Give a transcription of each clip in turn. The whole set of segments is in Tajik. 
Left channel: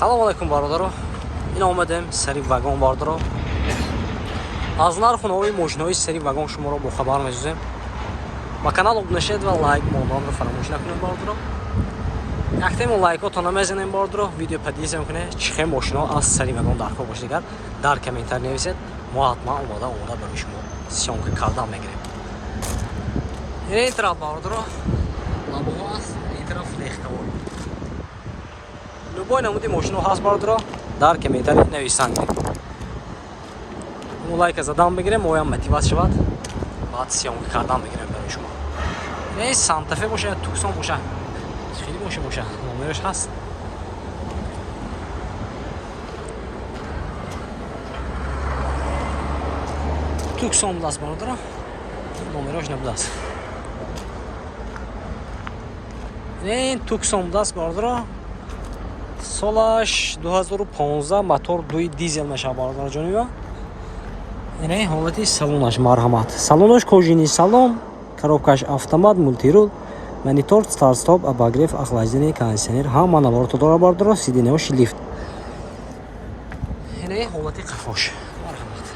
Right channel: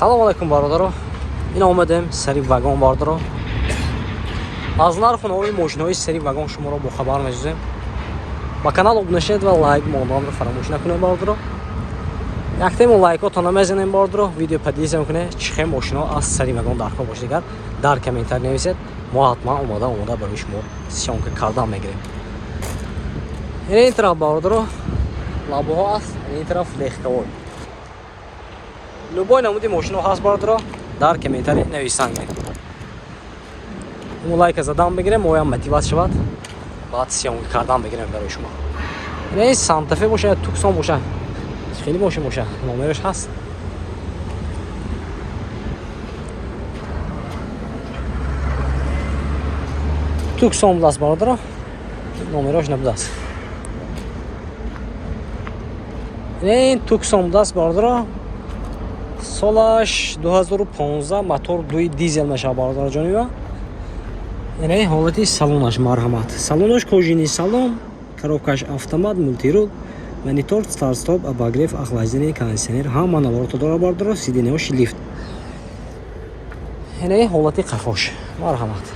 Салом алейкум бародаро. Ин омадем сари вагон бародаро. Аз нарху нови мошинаҳои сари вагон шуморо бохабар мешузем. Ба канал обуна шавед ва лайк модамро фаромӯш накунед бародаро. Яктему лайкотона мезанем бародаро. Видео падиҳ мекунед чӣ хел мошино аз сари вагон дар кор бошад. Дигар дар комментар нависед. Мо ҳатман омада барои шумо сёнка кардан мегирем. Ин тараф бародаро лабоҳо аст, ин тараф лехкавой. Любой намуди мошино ҳаст бародаро, дар комментари нависанд. Мо лайка задан бигирем, моям мотиват шавад. Баъд сёнка кардан бигирем барои шумо. Ин Санта-Фе бошад, Туксон бошад. Хеле мошин бошад, номераш ҳаст. Туксон будаст бародаро. Номераш набудаст. Ин Туксон будаст бародаро. Солаш 2015 мотор 2 дизел мешавад бародаро ҷониба. Ин ҳолати салонаш марҳамат. Салонаш кожини салон, коробкаш автомат, мультирул, монитор, старт-стоп, обогрев, охлаждение, кондиционер, ҳама наворота дора бародаро, сиденияш лифт. Ин ҳолати қафош марҳамат.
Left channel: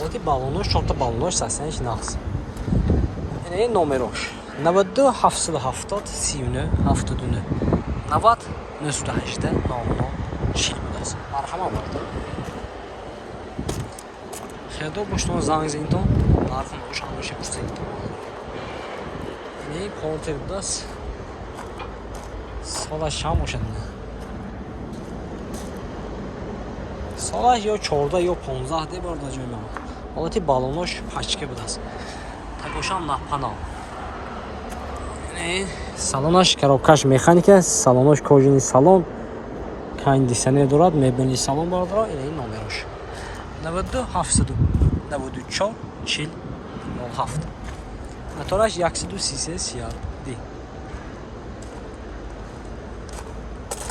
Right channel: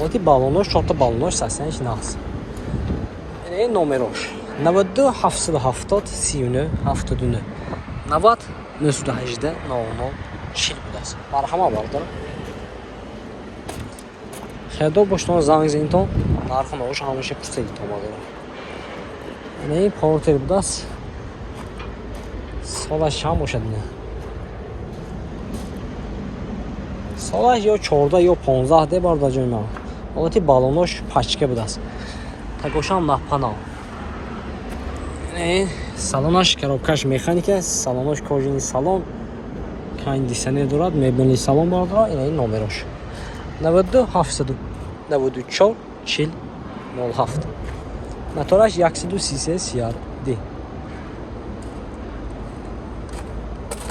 ҳолати баллонош, 4 баллонош, саснаш нақс. Ин номерош 92 770 39 79 90 918 00 40 будаст. Марҳама бардар. Хедо боштон занг зинтон нарху нош ҳамиша пурсидтон бардар. Ин портер будаст. Солаш чанд бошад ин? Солаш ё 14 ё 15 де бардар ҷои ман. ҳолати баллонош пачка будаст. Такошам напанал. Салонаш коробкаш механика, салонош кожини салон, кондиционер дорад, мебелни салон бардар. Ин номерош 92 794 40 07. Мотораш 133 CRD.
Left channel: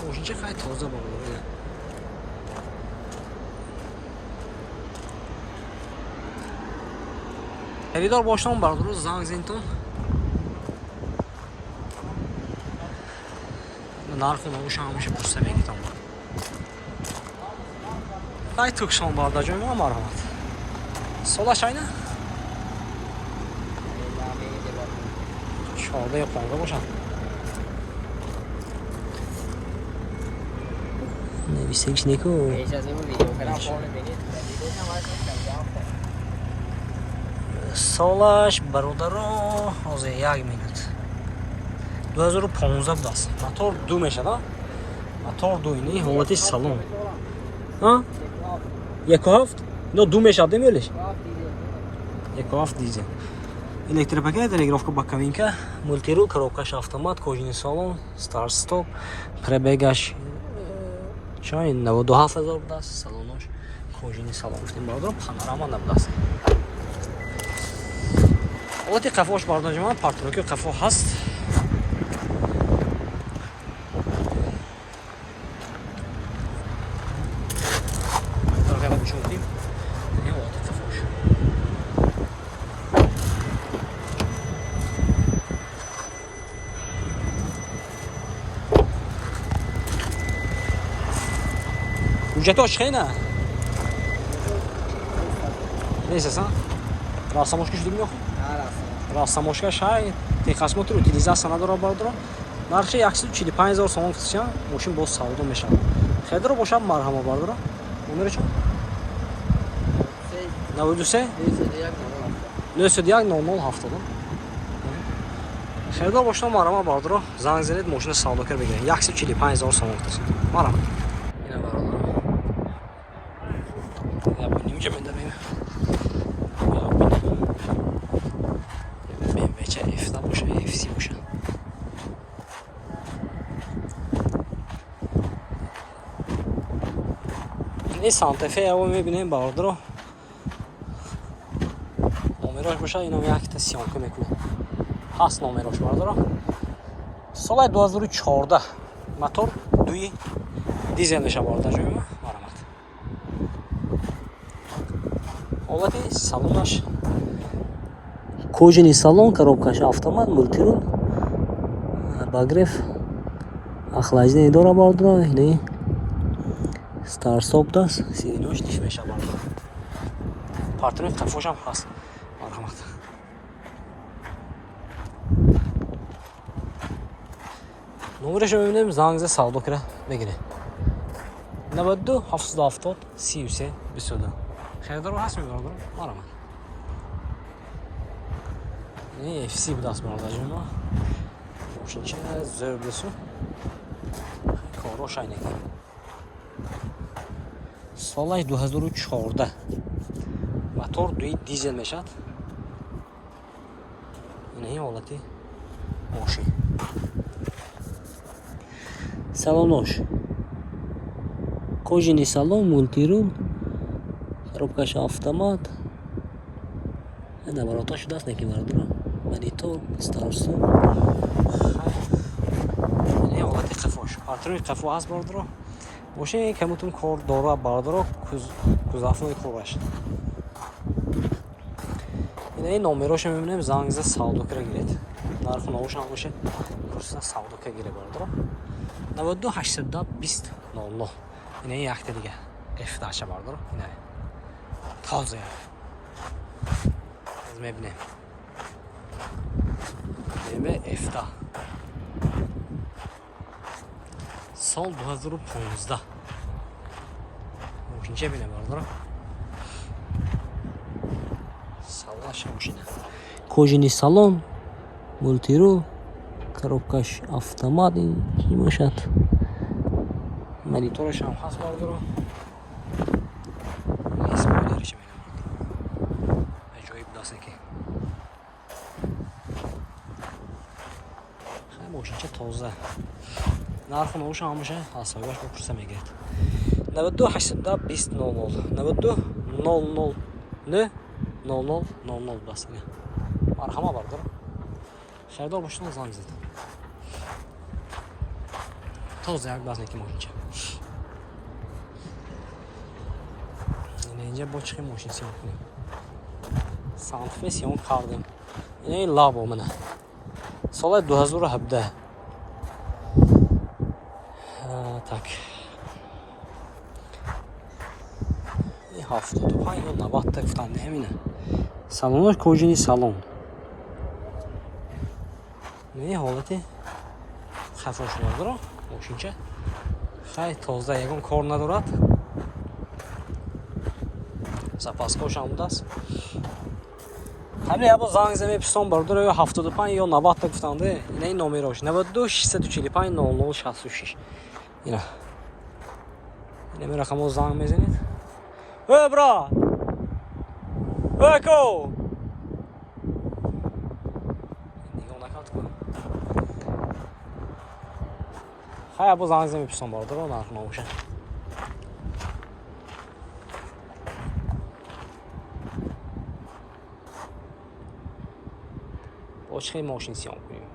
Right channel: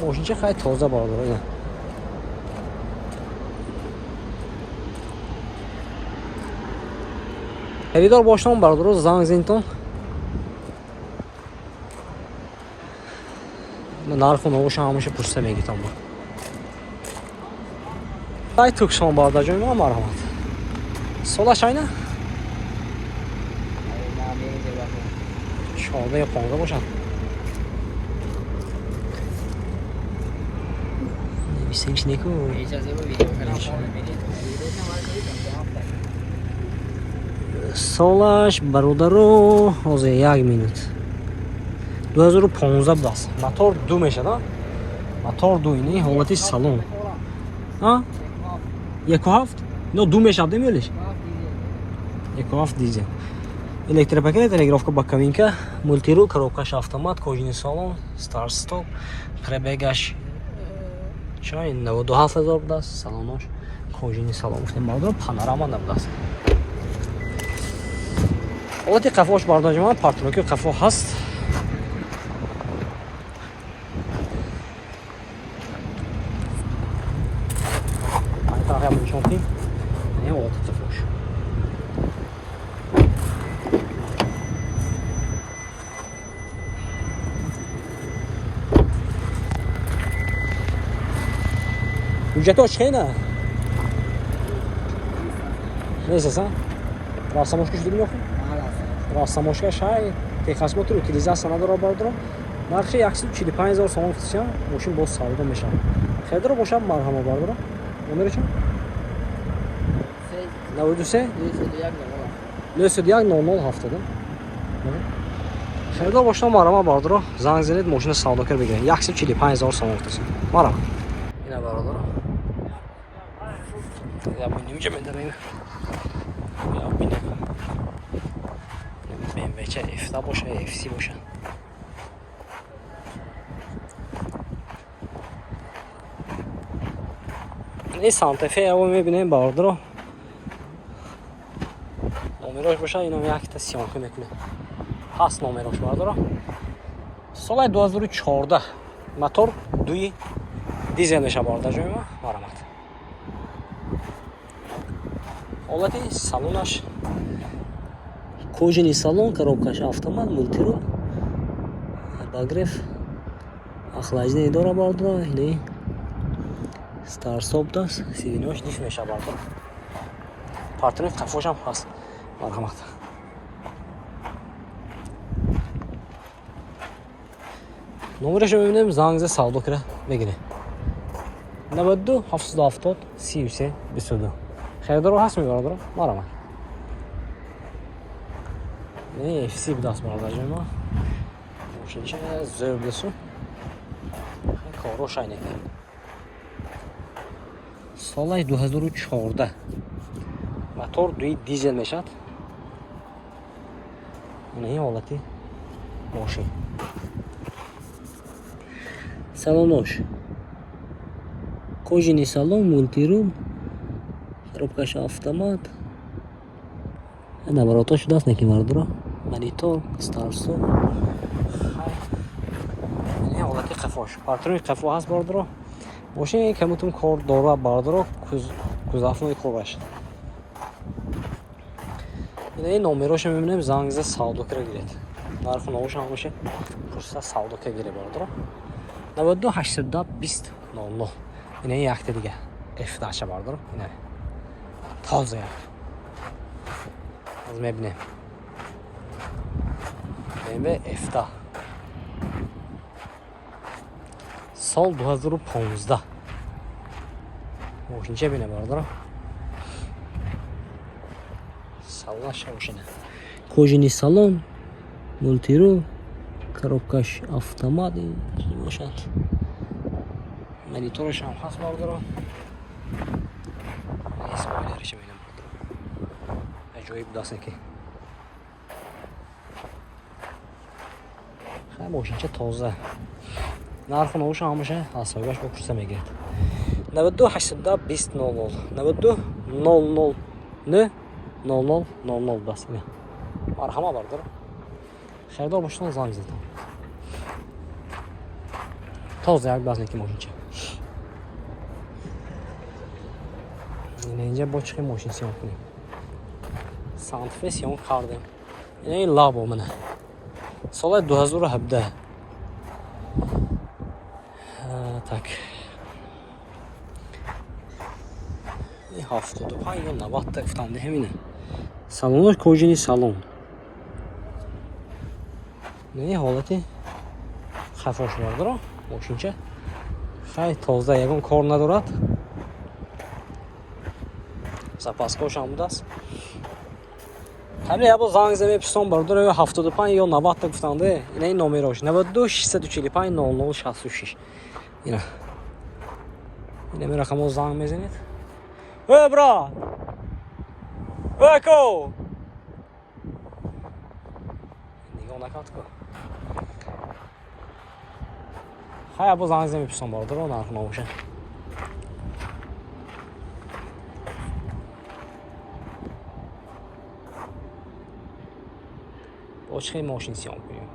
Мошинча хай тоза бардар. Xaridor boshdan bardaroz zanг zinton. Narxu novush hamisha pursa megitam bor. Ay Tukson barda joy ma marhamat. Solash ayna. Shoda yaponga bosham. Ne bisings neko. Солаш бародаро ҳозир 1 минут 2015 будаст. Мотор 2 мешад, а? Мотор 2 ин ҳолати салон. А? 1.7? Но 2 мешад демелиш? 1.7 дизел. Электропакет, регулировка боковинка, мультирул, коробкаш автомат, кожини салон, старт стоп, пробегаш чай 92000 будаст. Салонош кожини салон. Модел панорама набудаст. ҳолати қафош бардар ҷоман, партроки қафо ҳаст. Ай тараф ям нишон дидем. Ин ҳолати қафош. ҳуҷҷатош хена? Несасан? Рассамошка шуди меохӣ? Рассамошка шай техасмотор утилизация надора бардаро. Нархи 145000 сомон фиксиан, мошин боз савдо мешавад. Хедро бошад марҳама бардаро. Номери чанд? 93 91 0070. Хедро бошад марҳама бардаро. Занг занед, мошина савдокар бигиред. 145000 сомон фиксиан. Марҳама. Ина бардаро. Я будем медарем. Бече F боша, FC боша. Ин Санта-Фе яво мебинем бародаро. Номерош боша, ином якта сёнка мекунем. Ҳаст номерош бародаро. Соли 2014. Мотор 2 дизел мешавад бардар ҷониба. Марҳамат. Олати салонаш кожаный салон, коробкаш автомат, мультирул, багрев, охлаждение дора бардро, ине старстоп даст, сиденош диш меша бардро. Партнер тафошам хаст. Мархамат. Номерش رو ببینیم زنگ زد سودا کرد بگیره 92 770 33 22 خریدار رو هست میبرد رو مرا نه اف سی بود دست برادر جون ماشین چه زبدسو کاروش اینه سالش 2014 موتور دوی دیزل میشد این حالتی ماشین салонош кожаный салон, мультирул, коробкаш автомат, наоборотош даст неки вардро, монитор, старстоп. Не ҳолати қафош. Партнери қафо ҳаст бардро. Мошин камутун кор дора бардро, кузафнои хубаш. Ин номерошо мебинем занг зад савдо кара гиред. Нарху навушам боше. Пурса савдо кара гире бардро. 92 810 20 00. Yine yakta diye. F daşa vardır. Yine. Taze ya. Az mebne. Ve F'da. Sol 2015'da. Moşince bine vardır. Savaş moşine. Кожаный салон, мультирул, коробкаш автомат ки бошад. Монитораш ҳам ҳаст бардро. Исмоилаш менам. Аҷоиб даст ки. Хай мошинча тоза. Нарху навуш ҳамаша ҳасабаш бопурса мегирад. 92 810 20 00. 92 00 не 00 00 даст ина. Марҳама бардро. Савдо бошон занг зад. Тоза як даст неки мошинча. اینجا با چه ماشین سیان کنیم سانتفه سیان کردیم این لابو منه سال 2017 tak این 75 یا 90 تا افتنده همینه سالونش کجینی سالون این حالتی خفاش بردارم ماشینچه خیلی تازه یکم کار ندارد запаскош ҳам будааст ҳамин ябо занг зад мепурсам бардор 75 ё 90 та гуфтанде ина ин номерош 92 645 00 66 ина ина ми рақамо занг мезанед бра ко нигоҳ накард ку ҳа ябо занг зад мепурсам бардор нарх намоша چه ماشین سیان کنیم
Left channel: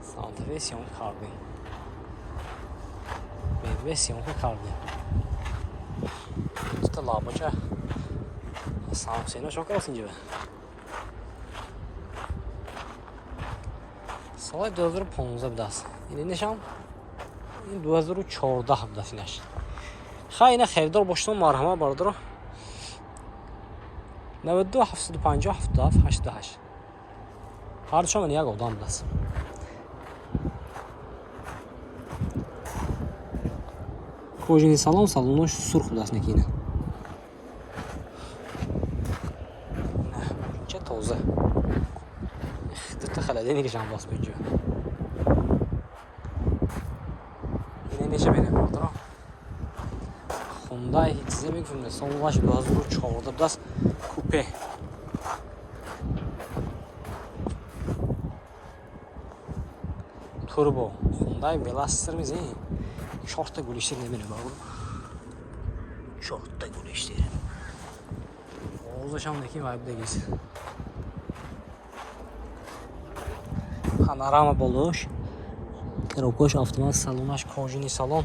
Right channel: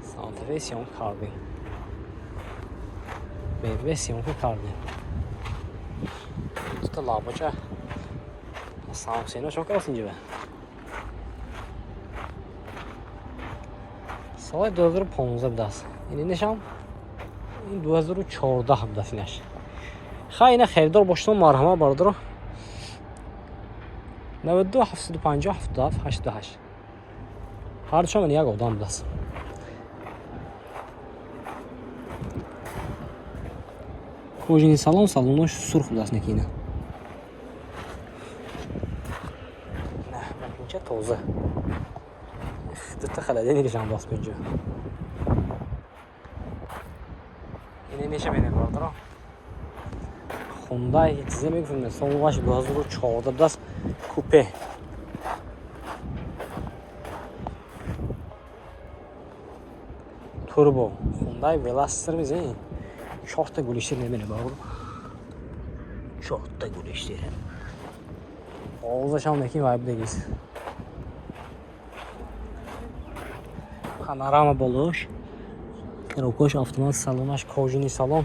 سانتفه سیان کردیم BMW سیان کردیم işte labaca Samsung'a çok olsun gibi Salı 2015 biraz yine nişan 2014 da finaş خیلی خریدار باشتم مرحمه بردارم 92 750 77 88 هر چون یک آدم دست کجینی سالن سالنش سرخ دست نکینه نه چه تازه دست خلاده نیستم باز بینجا اینه میشه بینم بردارم خوندای چیزی میگفتم سالنش 2014 دست کوپه turbo Hyundai Veloster میزنی 4 تا گلشتر میبینه باقو 4 تا گلشتر آوازش هم نکی وایب دیگیست پانوراما بالوش коробкаш автомат салонаш кожаный салон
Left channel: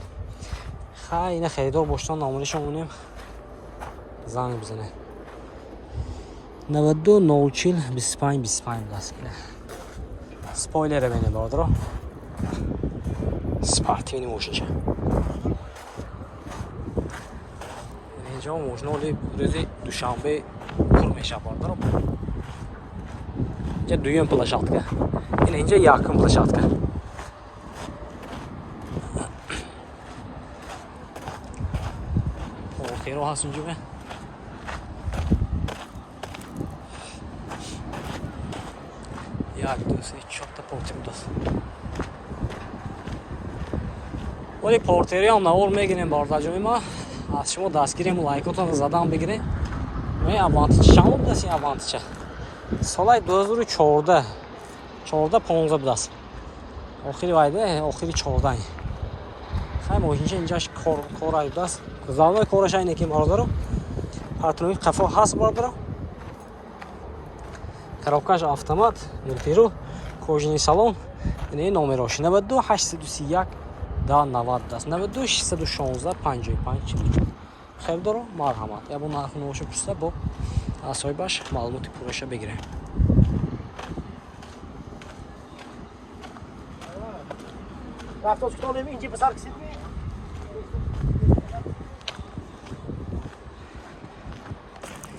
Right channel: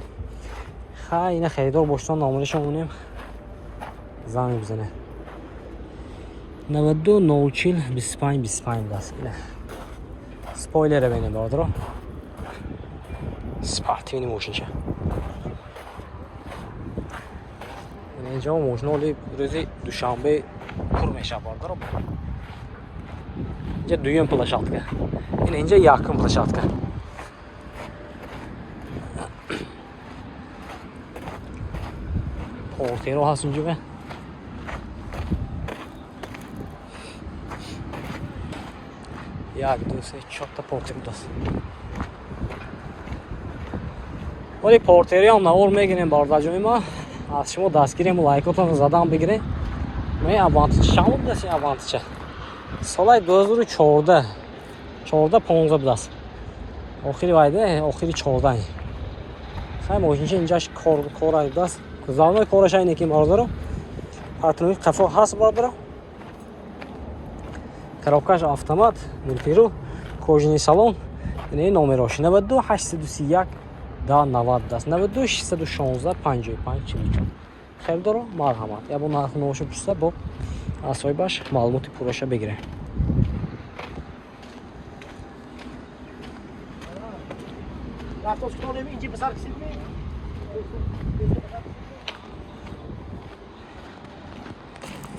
خیلی خریدار باشتن نامونش مونیم زنگ بزنه 92 040 25 25 даст. Спойлер бенем бардро. Спортивный машинча. اینجا ماشینا ولی روز دوشنبه پر میشه باردارم. اینجا دویم پلاشاتکا. اینجا یکم پلاشاتکا. پورتیرو هست اینجا به. یک دو سه چهار تا پورتیرو دست. ولی پورتیری هم نور میگیریم بارداجومی ما. از شما دستگیریم لایکاتون زدم بگیریم. من اوانتیچ چند بود دستی اوانتیچ. سال 2014 15 بود است. آخری وایده آخری 14. خیلی ماشینش اینجاش کار است. زمان کارش اینه که باردارم. پارتنر قفا هست باردارم. коробкаш автомат, мультиру, кожаный салон. این номерош 92 831 90 даст. 92 616 55 44. خیلی دارو مرحمت. یا با نرخ نوشو پرسه با اسایبش معلوماتی پورش بگیره. رفتاش کنم اینجا بسر کسی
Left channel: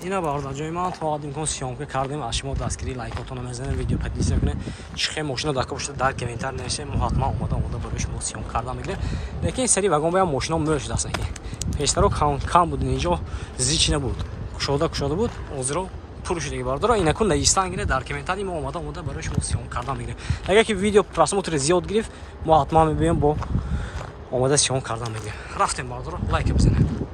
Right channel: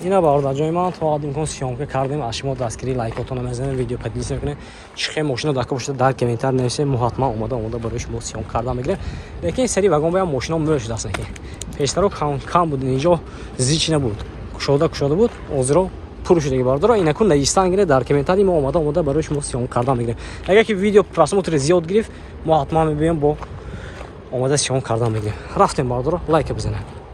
اینا بارداجوی من تو آدم کن سیامکه کردیم از شما دستگیری لایکاتون بزنید ویدیو پدیس نکنه چه ماشینا داکا باشه در کامنتر نوشته محتما اومده برای شما سیام کردم میگیره لیکن سری واگن بیام ماشینا مرش دست که پیشترو کم بود اینجا زیچ نبود کشوده بود اوزرو پول شده باردارا اینا کن لیستان گیره در کامنتری ما اومده برای شما سیام کردم میگیره اگه که ویدیو پراسموتر زیاد گرفت محتما میبینم با اومده سیام کردم میگیره رفتیم باردارا لایک بزنید